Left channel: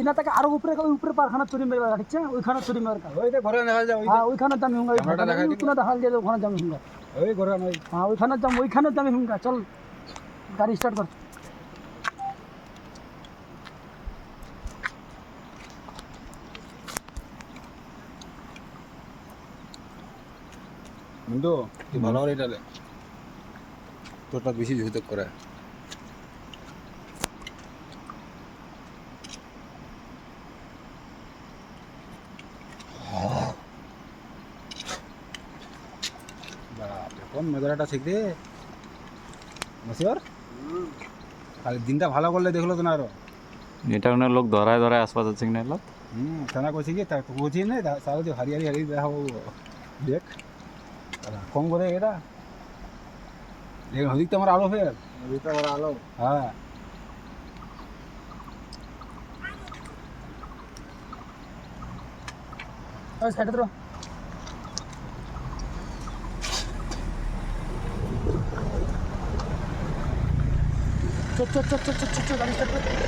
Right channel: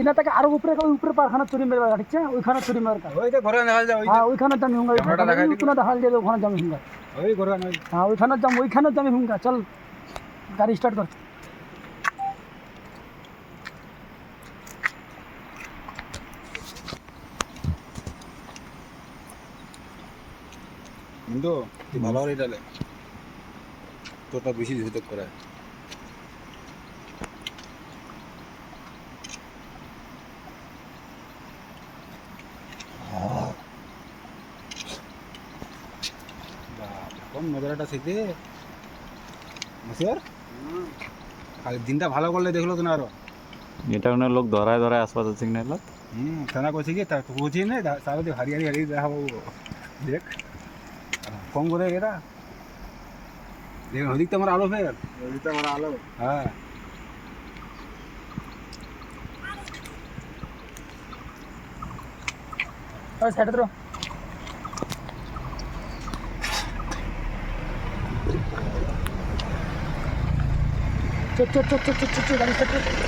ইনা থেকে আরো উপরে উপরে পারখানা চুরি মেরে ঠিক আছে ওইখানে চুরি মেরে ওই তো ঘরে দেখা যায়, ওই হ্যাঁ ওইখানে দামি হুঙ্গা ক্যামেরাটা দেখাই দিবি। ওইখানে দেখা যায় ওখানে দামি হুঙ্গা ওই ঘরে নয়। হ্যাঁ ওইখানে দামি হুঙ্গা চল গাড়ি স্টার্ট কর কিন্তু তুই ভালো করে এটা তোরটা বেশি ঝুঁক করে। কোন নজরাটা শিখতে মশিওর আর দিনটা ভালো করলে দেখলো তো না আরো। এটা কোনো লোক ধরায় ধরায় আশপাশ আছে কি না এলাত থানা কইছে কি তার কোচিং নেই তাহলে তো হারিয়ারি হারিয়ে দেখাবো দেখ ফোন করে এরা দেখ হদিক তো আমার আলো ফের হদিক তো আমার আলো হ্যাঁ ওই সাইডে ধরো চল গাড়ি স্টার্ট কর